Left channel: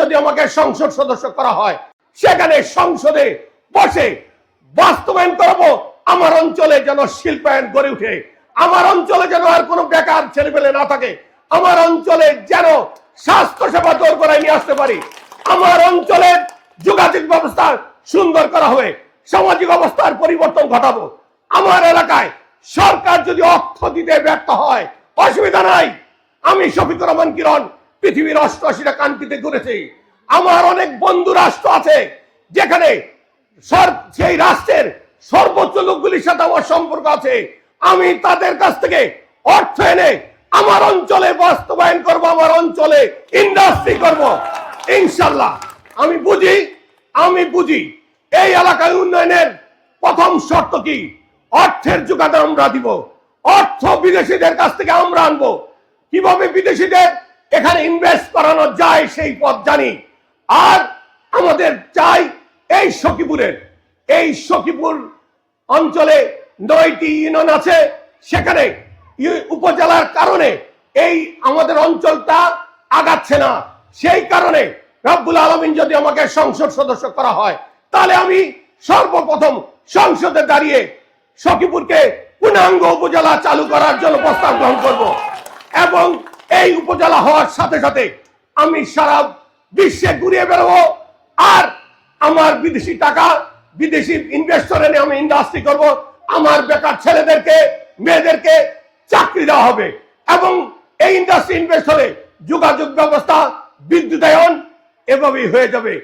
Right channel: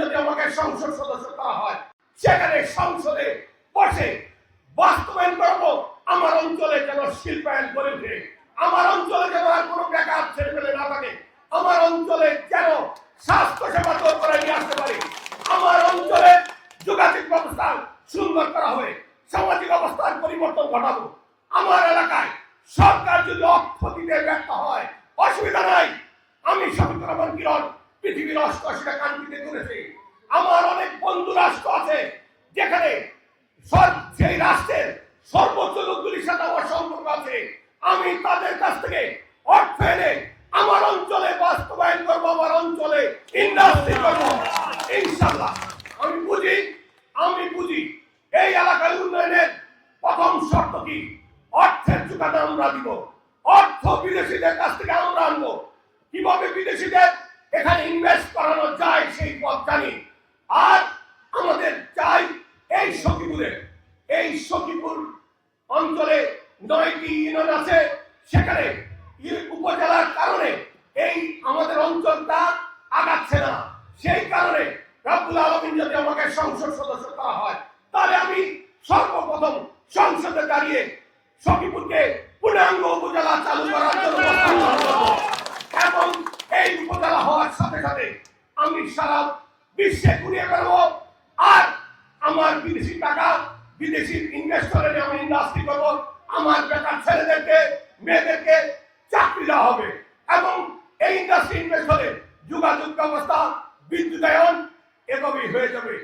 যদি আমাকে সংসদ সদস্য করা হয়, সেখানে সংসদে বসে বাস্তবায়ন করবো আমার অঞ্চলে যেন শিল্পায়ন গড়ে উঠে, আমার অঞ্চলে যেন আর কোনো বেকার ছেলেপেলে না থাকে, আমার অঞ্চলে যেন স্বাস্থ্য সেবা জোর করে নিয়ে আসতে পারি, আমার অঞ্চলের যোগাযোগ ব্যবস্থা সুন্দর করা হবে, সামাজিক অবস্থার পরিবর্তন ঘটাবো। আমার এলাকায় সরকার যদি অর্থ দিতে ব্যর্থ হয়, অসুবিধা নাই, আমি শফিকুর রহমান কিরণ পৃথিবীর 88টা কান্ট্রিতে ঘুরেছি। আমার অনেক বন্ধু রাষ্ট্র আছে যেখানে সেই রাষ্ট্রের সর্বোচ্চ লোকগুলির সাথে আমার সম্পর্ক আছে। আমি তাদের কাছ থেকে অর্থ এনে আমার অঞ্চলে বাস্তবায়ন করব, আমার অঞ্চলে ইন্ডাস্ট্রি করব ইনশাল্লাহ। আমি বুঝি এই এলাকার উন্নয়নের প্রথম শর্ত কি? অর্থের যোগান আমরা দিব, অর্থ বিদেশিদের কাছ থেকে আমরা আনবো। কিভাবে বিদেশিদের এখানে ইনভেস্ট করানো যায় সেই পথ জানি। আর আমাদের চাই এই সখীপুর অঞ্চলে 9টি ইউনিয়ন আছে, সেখানে উপজেলার কারণে এই আমাদের অঞ্চলটা আগাচ্ছে না। সেই কারণে রব্বুল আলামিন যদি আমাকে সংসদ সদস্য করা হয়, তাহলে আমি সর্বপ্রথম সংসদে দাঁড়িয়ে সখীপুরকে পূর্ণাঙ্গ উপজেলা চালু করার জন্য প্রস্তাব গ্রহণ করব এবং এই উপজেলা হওয়ার সাথে সাথে আমি সারা বিশ্বে ঘুরিয়ে বেরোবো। আর আমার বিদেশি টাকা, বিদেশি ইনভেস্টর এনে আমি ইন্ডাস্ট্রি করব, আমার বেকার ছেলেদেরকে মেয়েদেরকে চাকরি দেওয়া হবে এবং এই ইন্ডাস্ট্রি ইনভেস্ট হলে যোগাযোগ ব্যবস্থা, বিদ্যুতায়ন এভাবেই হয়ে যাবে।